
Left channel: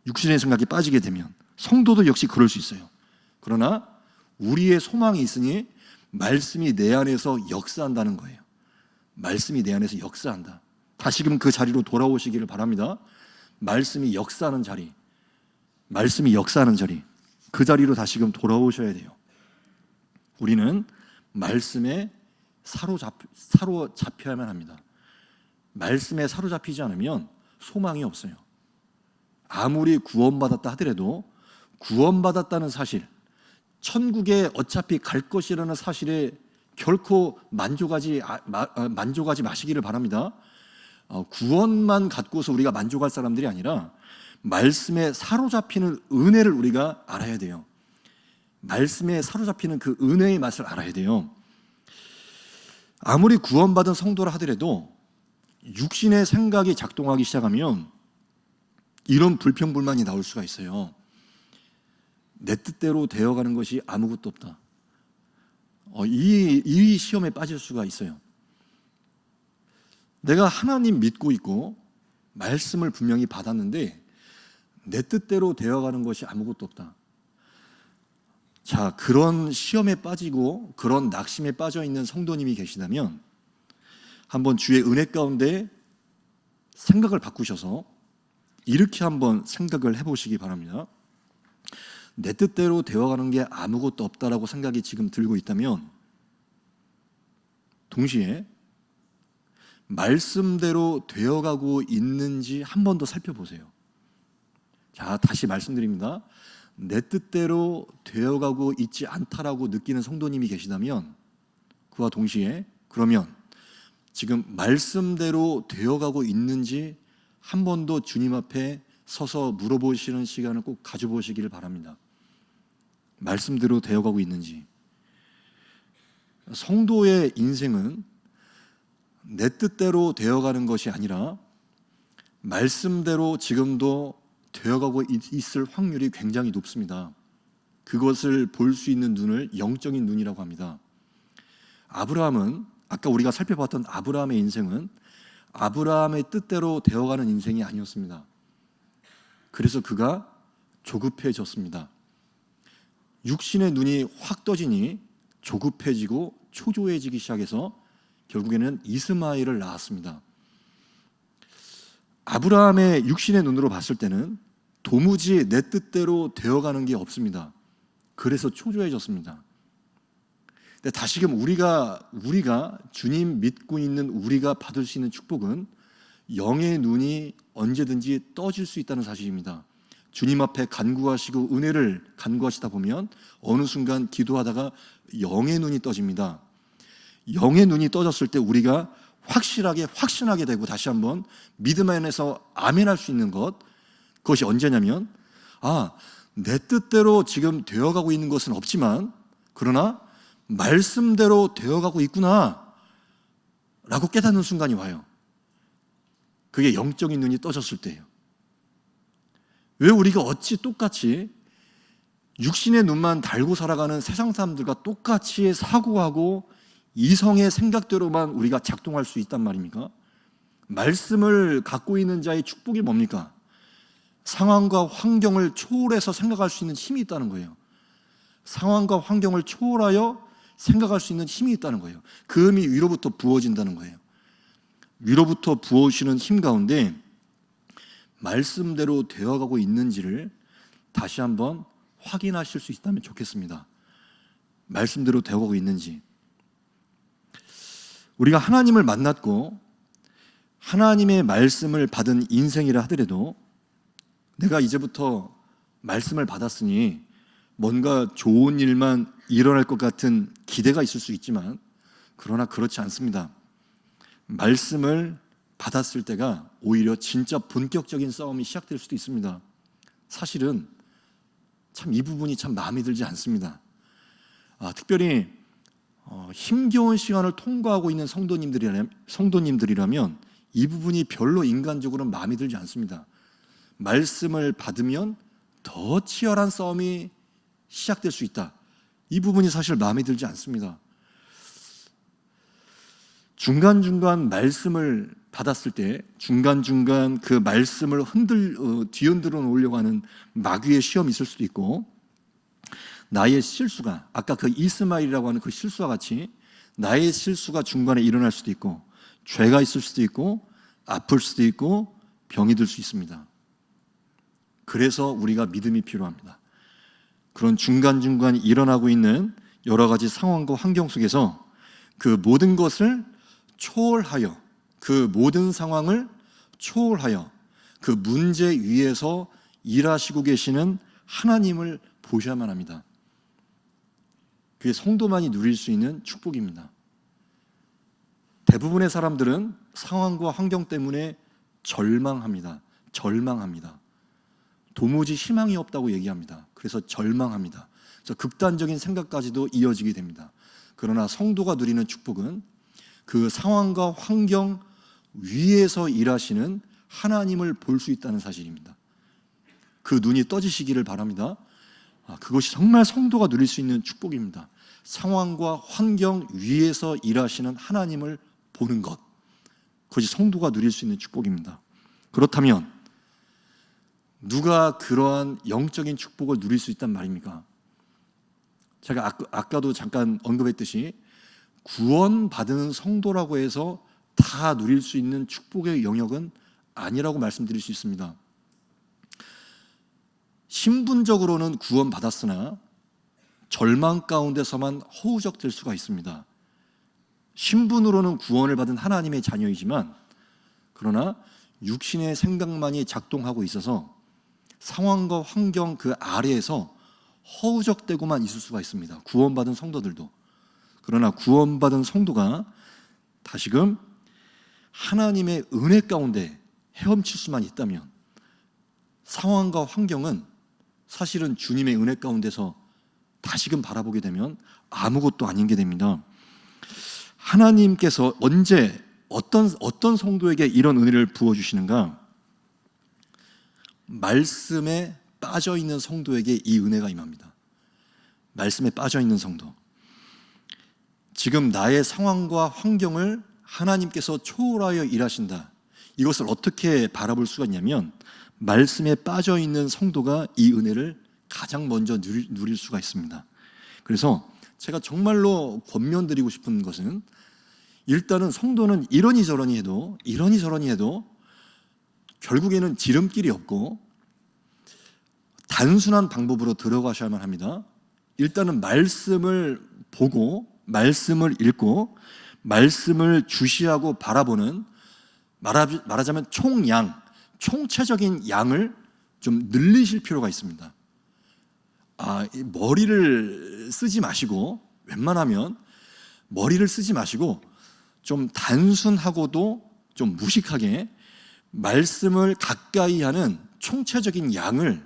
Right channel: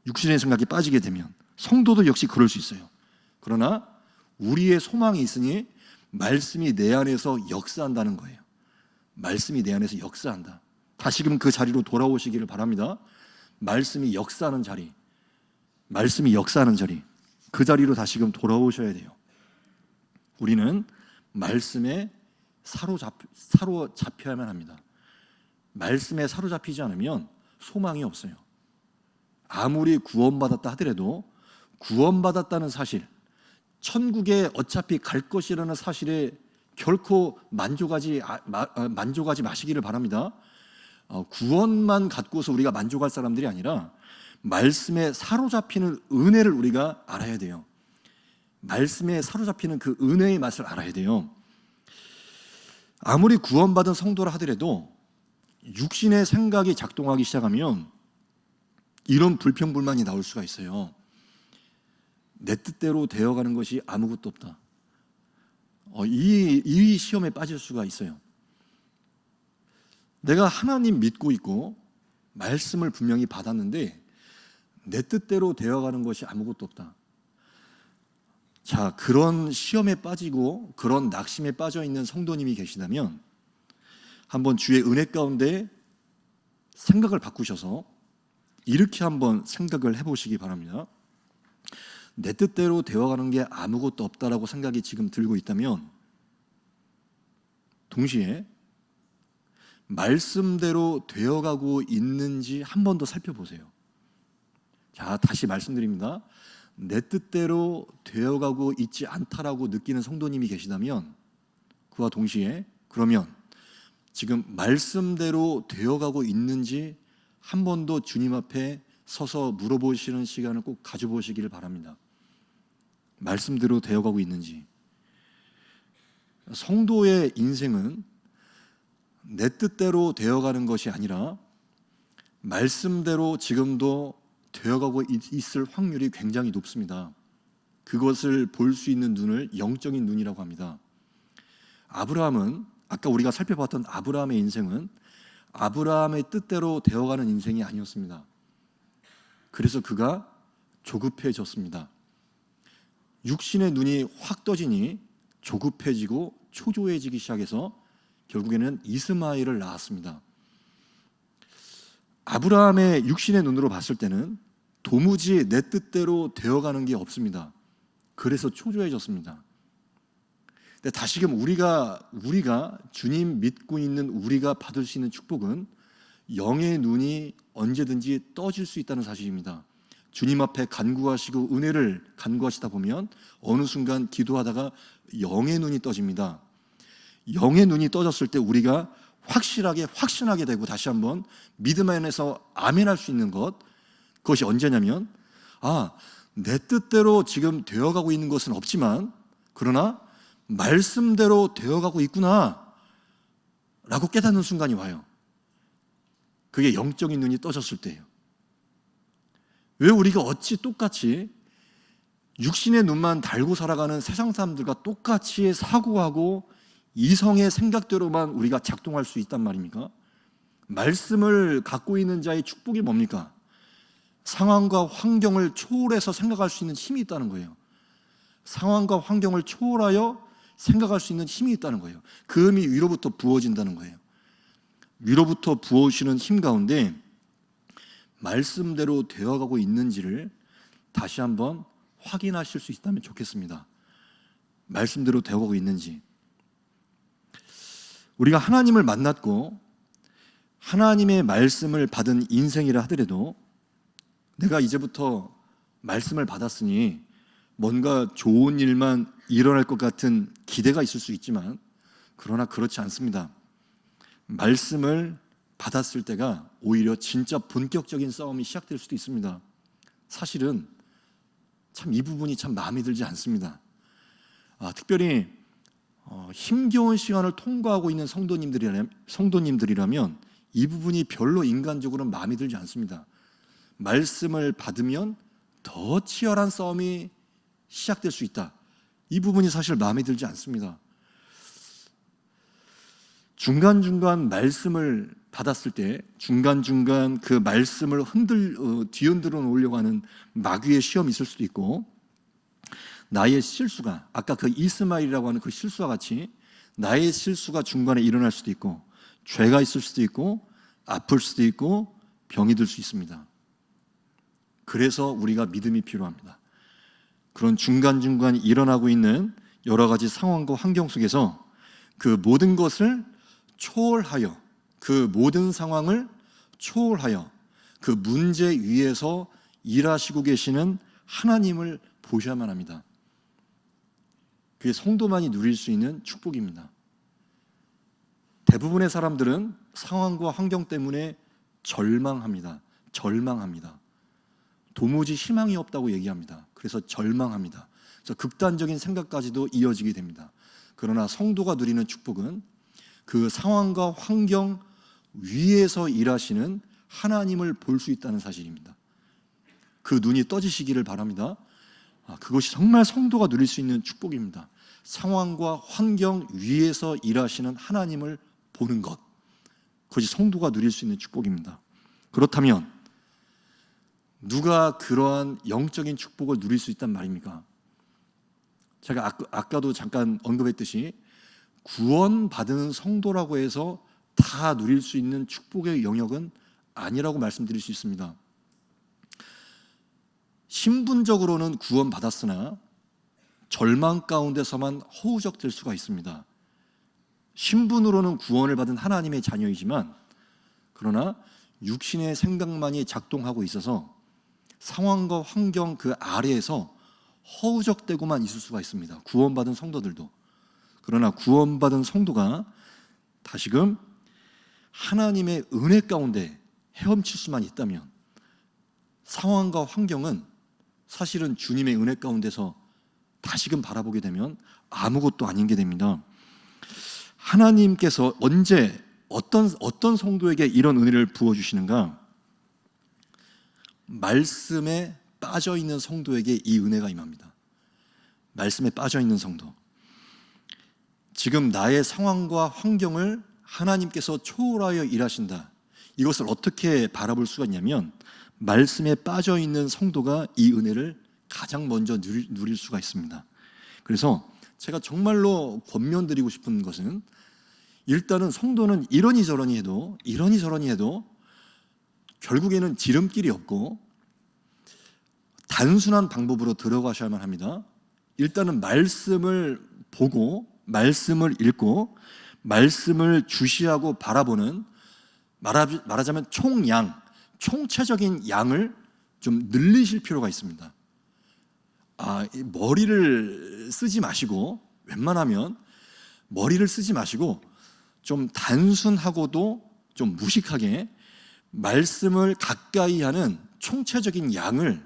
육신의 생각이 빠지게 되면. 성도도 역시 그럴 수 있어요. 그러나 우리의 소망이 있으니 말씀이 내 안에서 역사한다는 거예요. 말씀이 내 안에서 역사한다. 다시금 그 자리로 돌아오시기를 바랍니다. 말씀이 역사하는 자리, 그 자리로 다시금 돌아오셔야 돼요. 우리는 말씀에 사로잡혀야만 합니다. 말씀에 사로잡히지 않으면 소망이 없어요. 아무리 구원받았다 하더라도 구원받았다는 사실, 천국에 어차피 갈 것이라는 사실에 결코 만족하지 마시기를 바랍니다. 구원만 갖고서 우리가 만족할 사람들이 아니라 말씀에 사로잡히는 은혜를 우리가 알아야 돼요. 말씀에 사로잡히는 그 은혜의 맛을 알아야 돼요. 아무리 구원받은 성도라 하더라도 육신의 생각이 작동하기 시작하면 이런 불평불만이 나올 수가 있어요. 내 뜻대로 되어가는 것이 아무것도 없다. 이 시험에 빠질 수가 있어요. 내가 하나님 믿고 있고 말씀을 분명히 받았는데 내 뜻대로 되어가는 것이 아무것도 없다. 자, 그런 시험에 빠지고 그런 낙심에 빠져 있는 성도님이 계시다면 한번 주의 은혜 가운데 생각을 바꾸셔서 이렇게 한번 생각을 해보시기 바랍니다. 내 뜻대로 되어가는 게 아무것도 없다라고 생각이 지금 들고 있다면 동시에 말씀대로 되어가고 있는지 한 번 더 살펴보세요. 자, 다시 말씀드립니다. 내 뜻대로 되어가고 있지 않다라고 느끼는 성도님이 계시다면 그와 동시에 그러면 지금 말씀대로 되어가고 있는지 한 번 더 주님 앞에 서서 물어보시는 시간을 꼭 가져보시기를 바랍니다. 말씀대로 되어가고 있는지. 성도의 인생은 내 뜻대로 되어가는 것이 아니라 말씀대로 지금도 되어가고 있을 확률이 굉장히 높습니다. 그것을 볼 수 있는 눈을 영적인 눈이라고 합니다. 아브라함은 아까 우리가 살펴봤던 아브라함의 인생은 아브라함의 뜻대로 되어가는 인생이 아니었습니다. 그래서 그가 조급해졌습니다. 육신의 눈이 확 떠지니 조급해지고 초조해지기 시작해서 결국에는 이스마엘을 낳았습니다. 아브라함의 육신의 눈으로 봤을 때는 도무지 내 뜻대로 되어가는 게 없습니다. 그래서 초조해졌습니다. 근데 다시금 우리가 주님 믿고 있는 우리가 받을 수 있는 축복은 영의 눈이 언제든지 떠질 수 있다는 사실입니다. 주님 앞에 간구하시고 은혜를 간구하시다 보면 어느 순간 기도하다가 영의 눈이 떠집니다. 영의 눈이 떠졌을 때 우리가 확신하게 되고 다시 한번 믿음 안에서 아멘할 수 있는 그것이 언제냐면 내 뜻대로 지금 되어가고 있는 것은 없지만 그러나 말씀대로 되어가고 있구나 라고 깨닫는 순간이 와요. 그게 영적인 눈이 떠졌을 때예요. 왜 우리가 어찌 똑같이 육신의 눈만 달고 살아가는 세상 사람들과 똑같이 사고하고 이성의 생각대로만 우리가 작동할 수 있단 말입니까? 말씀을 갖고 있는 자의 축복이 뭡니까? 상황과 환경을 초월해서 생각할 수 있는 힘이 있다는 거예요. 상황과 환경을 초월하여 생각할 수 있는 힘이 있다는 거예요. 그 힘이 위로부터 부어진다는 거예요. 위로부터 부어오시는 힘 가운데 말씀대로 되어가고 있는지를 다시 한번 확인하실 수 있다면 좋겠습니다. 말씀대로 되어가고 있는지. 우리가 하나님을 만났고 하나님의 말씀을 받은 인생이라 하더라도 내가 이제부터 말씀을 받았으니 뭔가 좋은 일만 일어날 것 같은 기대가 있을 수 있지만 그러나 그렇지 않습니다. 말씀을 받았을 때가 오히려 진짜 본격적인 싸움이 시작될 수도 있습니다. 사실은 참 이 부분이 참 마음에 들지 않습니다. 특별히 힘겨운 시간을 통과하고 있는 성도님들이라면 이 부분이 별로 인간적으로는 마음에 들지 않습니다. 말씀을 받으면 더 치열한 싸움이 시작될 수 있다. 이 부분이 사실 마음에 들지 않습니다. 중간중간 말씀을 받았을 때 중간중간 그 말씀을 뒤흔들어 놓으려고 하는 마귀의 시험이 있을 수도 있고 나의 실수가 아까 그 이스마엘이라고 하는 그 실수와 같이 나의 실수가 중간에 일어날 수도 있고 죄가 있을 수도 있고 아플 수도 있고 병이 들 수 있습니다. 그래서 우리가 믿음이 필요합니다. 그런 중간중간 일어나고 있는 여러 가지 상황과 환경 속에서 그 모든 것을 초월하여 그 모든 상황을 초월하여 그 문제 위에서 일하시고 계시는 하나님을 보셔야만 합니다. 그게 성도만이 누릴 수 있는 축복입니다. 대부분의 사람들은 상황과 환경 때문에 절망합니다. 도무지 희망이 없다고 얘기합니다. 그래서 절망합니다. 그래서 극단적인 생각까지도 이어지게 됩니다. 그러나 성도가 누리는 축복은 그 상황과 환경 위에서 일하시는 하나님을 볼 수 있다는 사실입니다. 그 눈이 떠지시기를 바랍니다. 그것이 정말 성도가 누릴 수 있는 축복입니다. 상황과 환경 위에서 일하시는 하나님을 보는 것, 그것이 성도가 누릴 수 있는 축복입니다. 그렇다면 누가 그러한 영적인 축복을 누릴 수 있단 말입니까? 제가 아까도 잠깐 언급했듯이 구원받은 성도라고 해서 다 누릴 수 있는 축복의 영역은 아니라고 말씀드릴 수 있습니다. 신분적으로는 구원받았으나 절망 가운데서만 허우적될 수가 있습니다. 신분으로는 구원을 받은 하나님의 자녀이지만 그러나 육신의 생각만이 작동하고 있어서 상황과 환경 그 아래에서 허우적대고만 있을 수가 있습니다. 구원받은 성도들도. 그러나 구원받은 성도가 다시금 하나님의 은혜 가운데 헤엄칠 수만 있다면 상황과 환경은 사실은 주님의 은혜 가운데서 다시금 바라보게 되면 아무것도 아닌 게 됩니다. 하나님께서 언제 어떤 성도에게 이런 은혜를 부어주시는가? 말씀에 빠져있는 성도에게 이 은혜가 임합니다. 말씀에 빠져있는 성도. 지금 나의 상황과 환경을 하나님께서 초월하여 일하신다. 이것을 어떻게 바라볼 수가 있냐면 말씀에 빠져있는 성도가 이 은혜를 가장 먼저 누릴 수가 있습니다. 그래서 제가 정말로 권면드리고 싶은 것은 일단은 성도는 이러니 저러니 해도 결국에는 지름길이 없고 단순한 방법으로 들어가셔야만 합니다. 일단은 말씀을 보고 말씀을 읽고 말씀을 주시하고 바라보는 말하자면 총체적인 양을 좀 늘리실 필요가 있습니다. 머리를 쓰지 마시고 웬만하면 머리를 쓰지 마시고 좀 단순하고도 좀 무식하게 말씀을 가까이 하는 총체적인 양을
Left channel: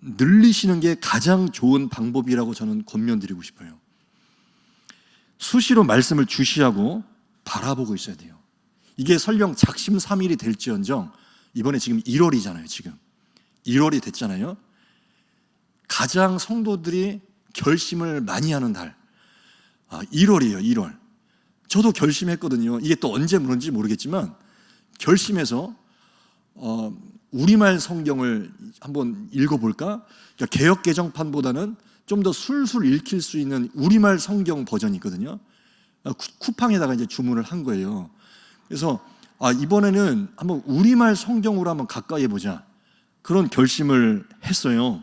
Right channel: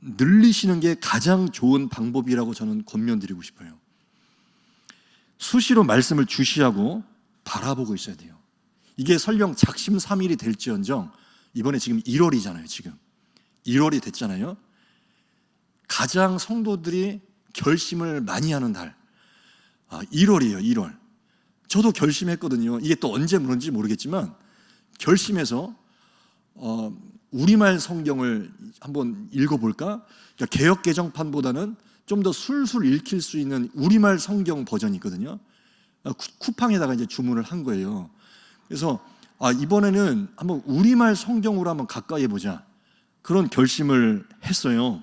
늘리시는 게 가장 좋은 방법이라고 저는 권면드리고 싶어요. 수시로 말씀을 주시하고 바라보고 있어야 돼요. 이게 설령 작심삼일이 될지언정, 이번에 지금 1월이잖아요. 지금 1월이 됐잖아요. 가장 성도들이 결심을 많이 하는 달, 1월이에요. 1월. 저도 결심했거든요. 이게 또 언제 물은지 모르겠지만 결심해서 우리말 성경을 한번 읽어볼까? 그러니까 개역 개정판보다는 좀 더 술술 읽힐 수 있는 우리말 성경 버전이 있거든요. 쿠팡에다가 이제 주문을 한 거예요. 그래서 이번에는 한번 우리말 성경으로 한번 가까이 해보자, 그런 결심을 했어요.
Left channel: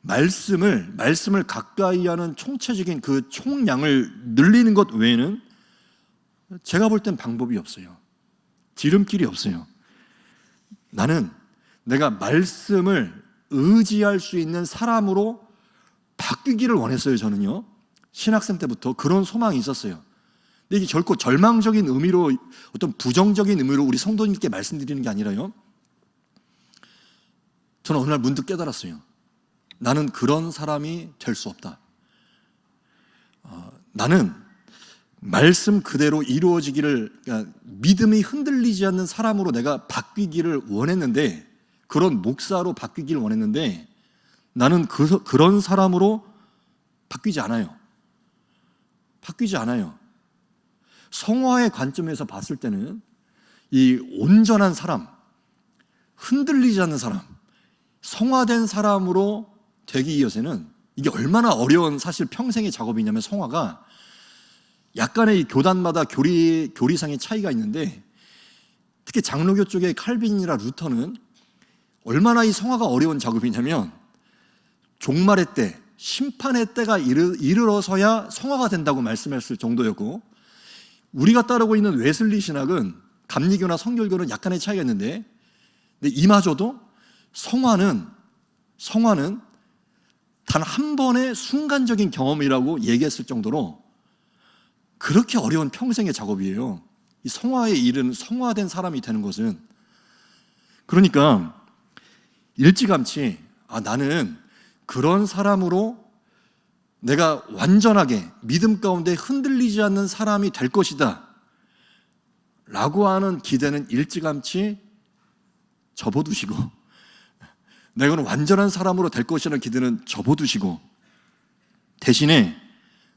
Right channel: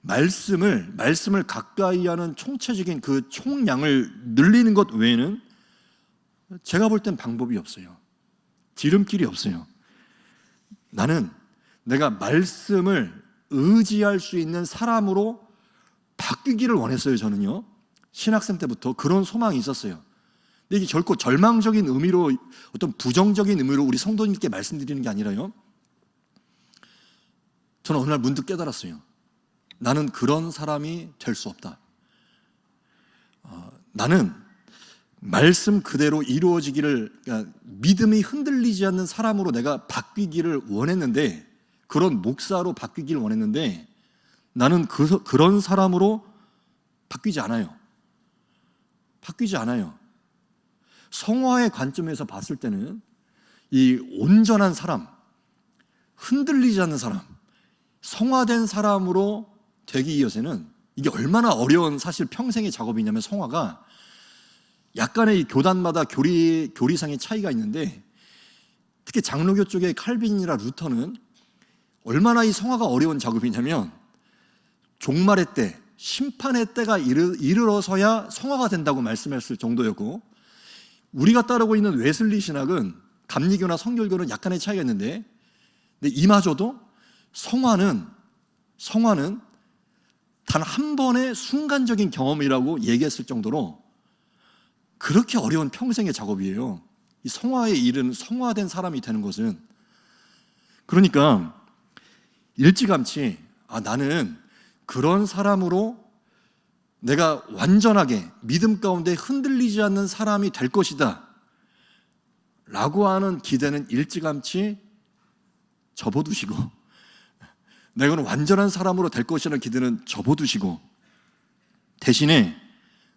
말씀을 가까이 하는 총체적인 그 총량을 늘리는 것 외에는 제가 볼 땐 방법이 없어요. 지름길이 없어요. 나는 내가 말씀을 의지할 수 있는 사람으로 바뀌기를 원했어요. 저는요, 신학생 때부터 그런 소망이 있었어요. 근데 이게 결코 절망적인 의미로, 어떤 부정적인 의미로 우리 성도님께 말씀드리는 게 아니라요, 저는 어느 날 문득 깨달았어요. 나는 그런 사람이 될 수 없다. 나는 말씀 그대로 이루어지기를, 그러니까 믿음이 흔들리지 않는 사람으로 내가 바뀌기를 원했는데, 그런 목사로 바뀌기를 원했는데, 나는 그런 사람으로 바뀌지 않아요. 바뀌지 않아요. 성화의 관점에서 봤을 때는 이 온전한 사람, 흔들리지 않는 사람, 성화된 사람으로 되기 위해서는 이게 얼마나 어려운, 사실 평생의 작업이냐면, 성화가 약간의 이 교단마다 교리상의 차이가 있는데, 특히 장로교 쪽의 칼빈이나 루터는 얼마나 이 성화가 어려운 작업이냐면, 종말의 때, 심판의 때가 이르러서야 성화가 된다고 말씀했을 정도였고, 우리가 따르고 있는 웨슬리 신학은, 감리교나 성결교는 약간의 차이가 있는데, 근데 이마저도 성화는 단 한 번의 순간적인 경험이라고 얘기했을 정도로 그렇게 어려운 평생의 작업이에요. 이 성화에 이르는, 성화된 사람이 되는 것은. 그러니까 일찌감치 나는 그런 사람으로 내가 완전하게 믿음 가운데 흔들리지 않는 사람이 될 것이다 라고 하는 기대는 일찌감치 접어두시고, 내가 완전한 사람으로 될 것이라는 기대는 접어두시고, 대신에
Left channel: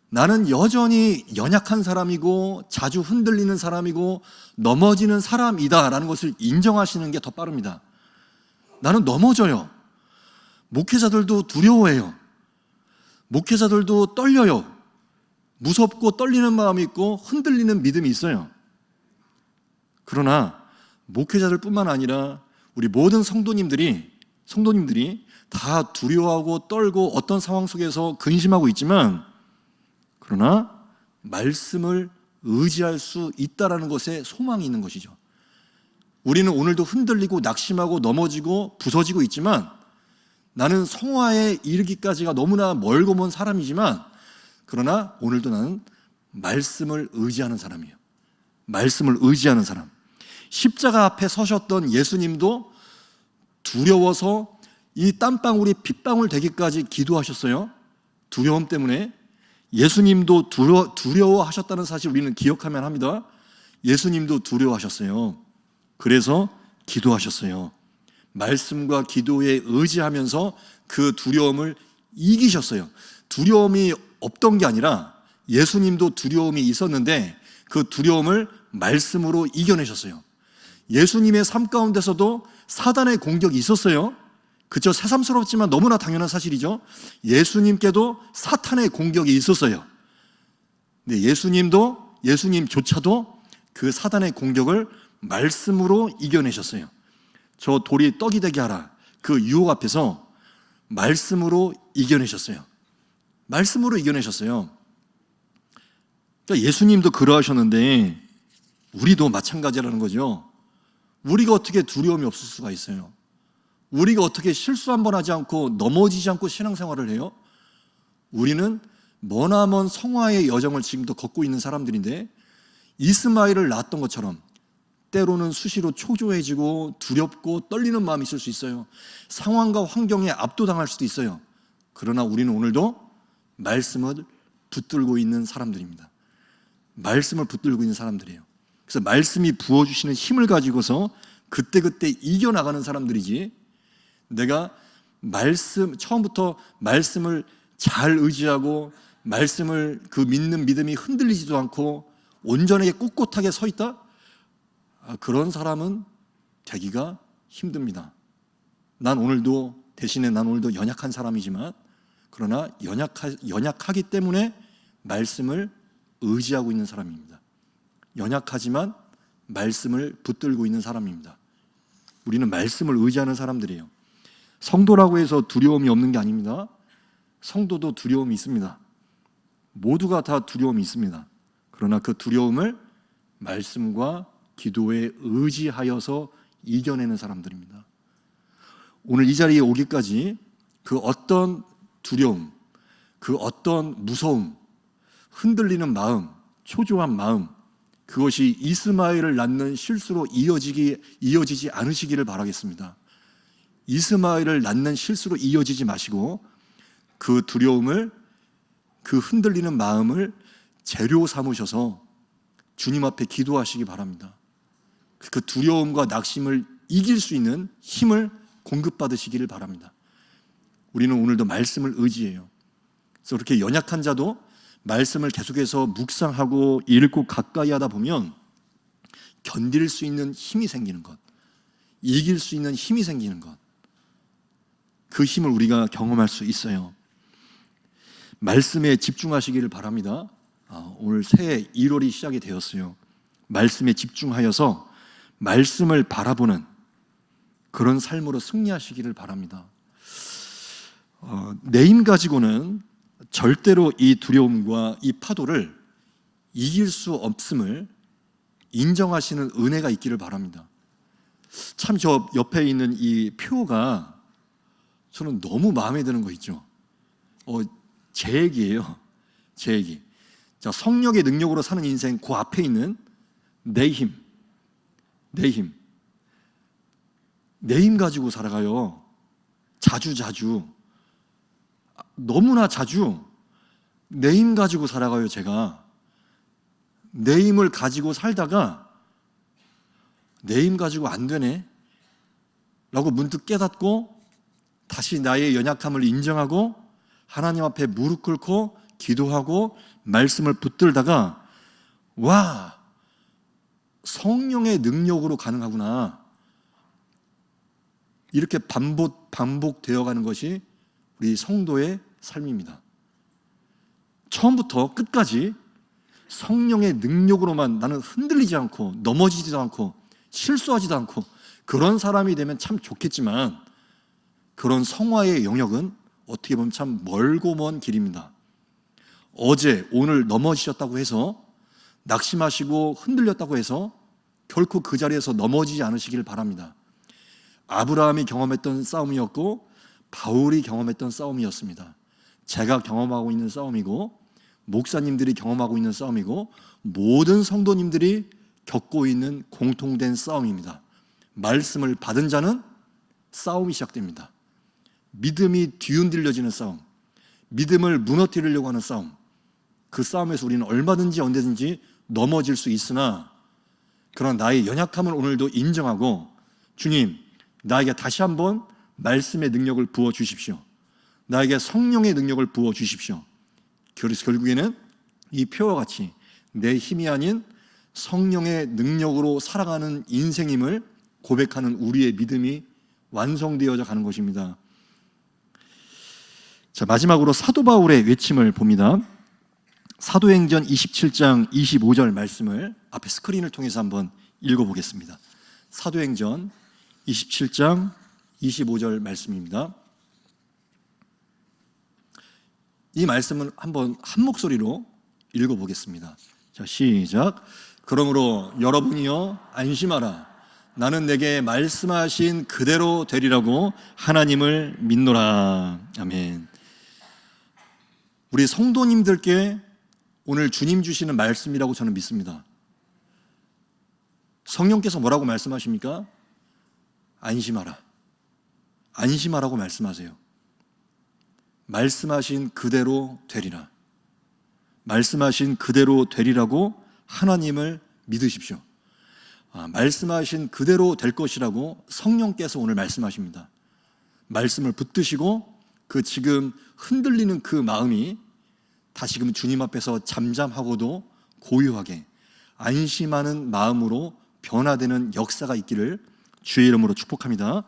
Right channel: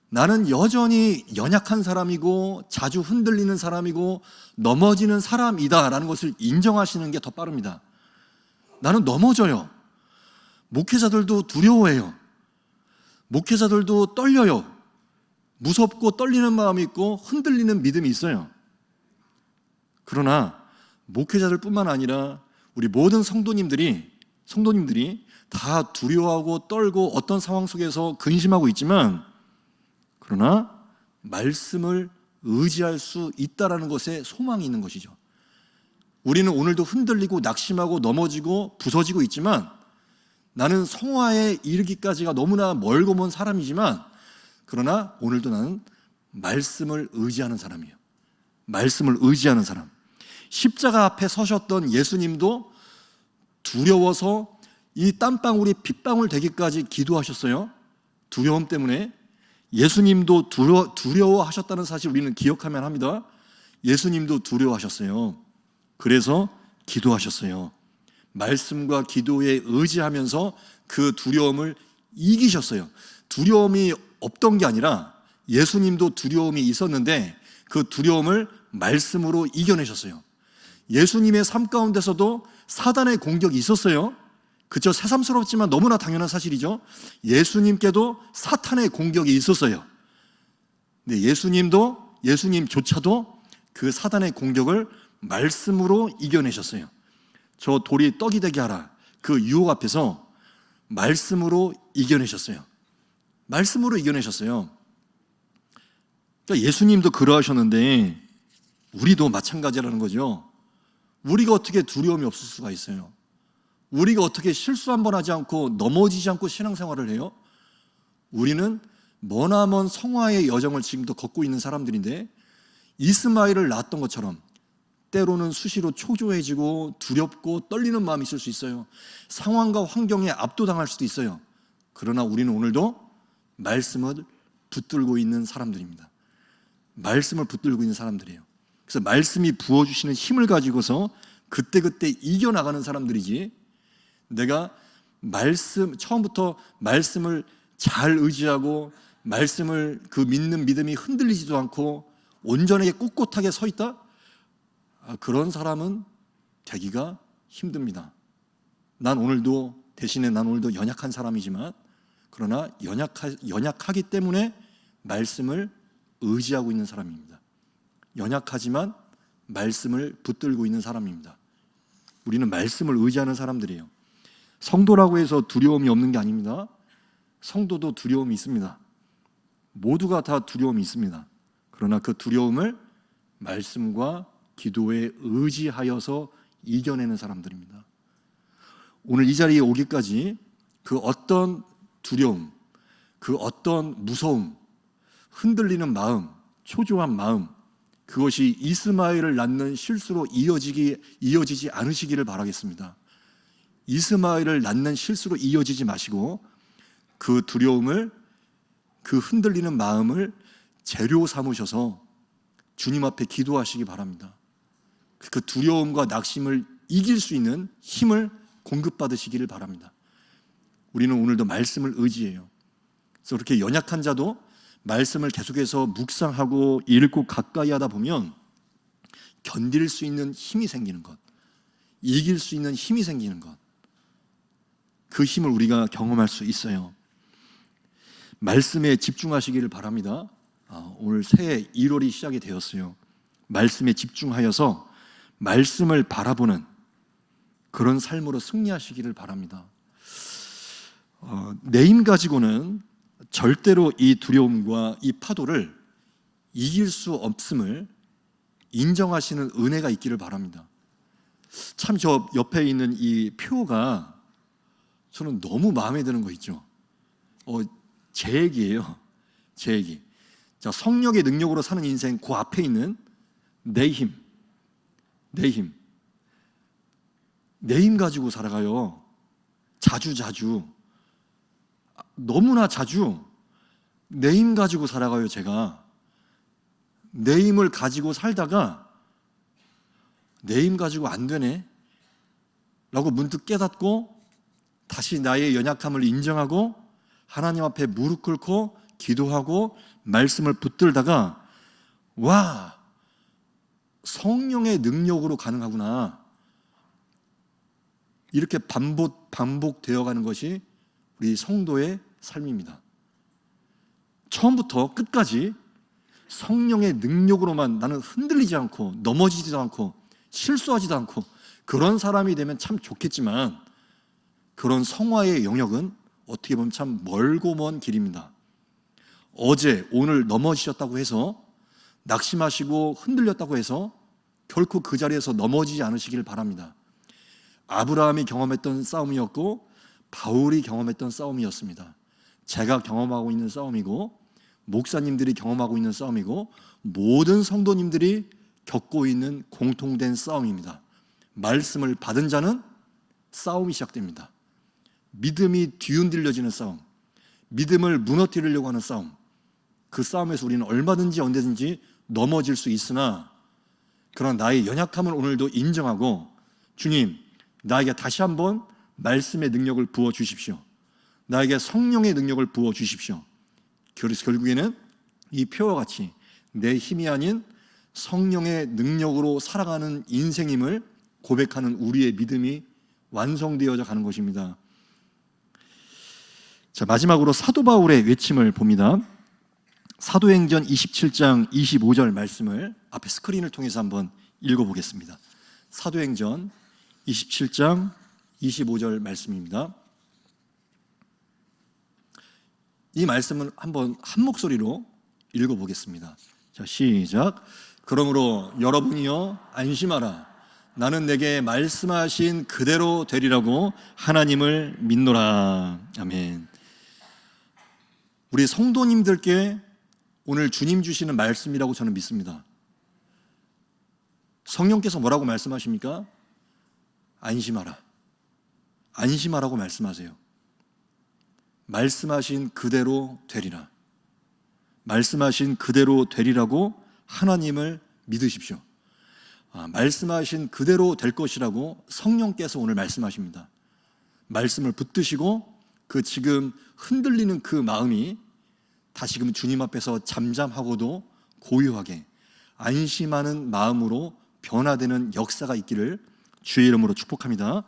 나는 여전히 연약한 사람이고 자주 흔들리는 사람이고 넘어지는 사람이다라는 것을 인정하시는 게 더 빠릅니다. 나는 넘어져요. 목회자들도 두려워해요. 목회자들도 떨려요. 무섭고 떨리는 마음이 있고 흔들리는 믿음이 있어요. 그러나 목회자들 뿐만 아니라 우리 모든 성도님들이 다 두려워하고 떨고 어떤 상황 속에서 근심하고 있지만, 그러나 말씀을 의지할 수 있다라는 것에 소망이 있는 것이죠. 우리는 오늘도 흔들리고 낙심하고 넘어지고 부서지고 있지만, 나는 성화에 이르기까지가 너무나 멀고 먼 사람이지만, 그러나 오늘도 나는 말씀을 의지하는 사람이에요. 말씀을 의지하는 사람. 십자가 앞에 서셨던 예수님도 두려워서 이 땀방울이 핏방울 되기까지 기도하셨어요. 두려움 때문에. 예수님도 두려워하셨다는 사실 우리는 기억하면 합니다. 예수님도 두려워하셨어요. 그래서 기도하셨어요. 말씀과 기도에 의지하면서 그 두려움을 이기셨어요. 두려움이 없던 게 아니라 예수님도 두려움이 있었는데 그 두려움을 말씀으로 이겨내셨어요. 예수님의 삶 가운데서도 사단의 공격이 있었어요. 그쵸? 새삼스럽지만 너무나 당연한 사실이죠. 예수님께도 사탄의 공격이 있었어요. 근데 예수님조차도 그 사단의 공격을 말씀으로 이겨내셨어요. 저 돌이 떡이 되게 하라, 그 유혹 앞에서 말씀으로 이겨내셨어요. 말씀으로 이겨내셨어요. 그러니까 예수님도 그러하셨는데 우리도 마찬가지라는 거죠. 우리가 어떻게 두려움이 없을 수가 있어요? 우리가 어떻게 실수 한 번 하지 않고 넘어지지 않고 신앙생활을 해요? 우리는 머나먼 성화의 여정을 지금도 걷고 있는 사람들인데, 이스마엘을 낳았던 것처럼 때로는 수시로 초조해지고 두렵고 떨리는 마음이 있을 수 있어요. 상황과 환경에 압도당할 수도 있어요. 그러나 우리는 오늘도 말씀을 붙들고 있는 사람들입니다. 말씀을 붙들고 있는 사람들이에요. 그래서 말씀이 부어주시는 힘을 가지고서 그때그때 이겨나가는 사람들이지, 내가 처음부터 말씀을 잘 의지하고 말씀을 믿는 믿음이 흔들리지도 않고 온전하게 꿋꿋하게 서 있다? 그런 사람은 되기가 힘듭니다. 대신에 난 오늘도 연약한 사람이지만, 그러나 연약하기 때문에 말씀을 의지하고 있는 사람입니다. 연약하지만 말씀을 붙들고 있는 사람입니다. 우리는 말씀을 의지하는 사람들이에요. 성도라고 해서 두려움이 없는 게 아닙니다. 성도도 두려움이 있습니다. 모두가 다 두려움이 있습니다. 그러나 그 두려움을 말씀과 기도에 의지하여서 이겨내는 사람들입니다. 오늘 이 자리에 오기까지 그 어떤 두려움, 그 어떤 무서움, 흔들리는 마음, 초조한 마음, 그것이 이스마엘을 낳는 실수로 이어지지 않으시기를 바라겠습니다. 이스마엘을 낳는 실수로 이어지지 마시고 그 두려움을, 그 흔들리는 마음을 재료 삼으셔서 주님 앞에 기도하시기 바랍니다. 그 두려움과 낙심을 이길 수 있는 힘을 공급받으시기를 바랍니다. 우리는 오늘도 말씀을 의지해요. 그래서 그렇게 연약한 자도 말씀을 계속해서 묵상하고 읽고 가까이 하다 보면 견딜 수 있는 힘이 생기는 것, 이길 수 있는 힘이 생기는 것, 그 힘을 우리가 경험할 수 있어요. 말씀에 집중하시기를 바랍니다. 오늘 새해 1월이 시작이 되었어요. 말씀에 집중하여서 말씀을 바라보는 그런 삶으로 승리하시기를 바랍니다. 내 힘 가지고는 절대로 이 두려움과 이 파도를 이길 수 없음을 인정하시는 은혜가 있기를 바랍니다. 참 저 옆에 있는 이 표가 저는 너무 마음에 드는 거 있죠. 제 얘기예요. 제 얘기. 자, 성령의 능력으로 사는 인생, 그 앞에 있는 내 힘. 내 힘 가지고 살아가요. 자주 너무나 자주 내 힘 가지고 살아가요. 제가 내 힘을 가지고 살다가 내 힘 가지고 안 되네 라고 문득 깨닫고 다시 나의 연약함을 인정하고 하나님 앞에 무릎 꿇고 기도하고 말씀을 붙들다가, 와, 성령의 능력으로 가능하구나, 이렇게 반복되어 가는 것이 우리 성도의 삶입니다. 처음부터 끝까지 성령의 능력으로만 나는 흔들리지 않고 넘어지지도 않고 실수하지도 않고 그런 사람이 되면 참 좋겠지만, 그런 성화의 영역은 어떻게 보면 참 멀고 먼 길입니다. 어제 오늘 넘어지셨다고 해서, 낙심하시고 흔들렸다고 해서 결코 그 자리에서 넘어지지 않으시길 바랍니다. 아브라함이 경험했던 싸움이었고 바울이 경험했던 싸움이었습니다. 제가 경험하고 있는 싸움이고 목사님들이 경험하고 있는 싸움이고 모든 성도님들이 겪고 있는 공통된 싸움입니다. 말씀을 받은 자는 싸움이 시작됩니다. 믿음이 뒤흔들려지는 싸움, 믿음을 무너뜨리려고 하는 싸움, 그 싸움에서 우리는 얼마든지 언제든지 넘어질 수 있으나, 그러나 나의 연약함을 오늘도 인정하고, 주님, 나에게 다시 한번 말씀의 능력을 부어주십시오. 나에게 성령의 능력을 부어주십시오. 그래서 결국에는 이 표와 같이 내 힘이 아닌 성령의 능력으로 살아가는 인생임을 고백하는 우리의 믿음이 완성되어져 가는 것입니다. 자, 마지막으로 사도 바울의 외침을 봅니다. 사도행전 27장 25절 말씀을 앞에 스크린을 통해서 한번 읽어보겠습니다. 사도행전 27장 25절 말씀입니다. 이 말씀을 한번 한 목소리로 읽어보겠습니다. 자, 시작. 그러므로 여러분이여 안심하라. 나는 내게 말씀하신 그대로 되리라고 하나님을 믿노라. 아멘. 우리 성도님들께 오늘 주님 주시는 말씀이라고 저는 믿습니다. 성령께서 뭐라고 말씀하십니까? 안심하라. 안심하라고 말씀하세요. 말씀하신 그대로 되리라. 말씀하신 그대로 되리라고 하나님을 믿으십시오. 말씀하신 그대로 될 것이라고 성령께서 오늘 말씀하십니다. 말씀을 붙드시고 그 지금 흔들리는 그 마음이 다시금 주님 앞에서 잠잠하고도 고요하게 안심하는 마음으로 변화되는 역사가 있기를 주의 이름으로 축복합니다.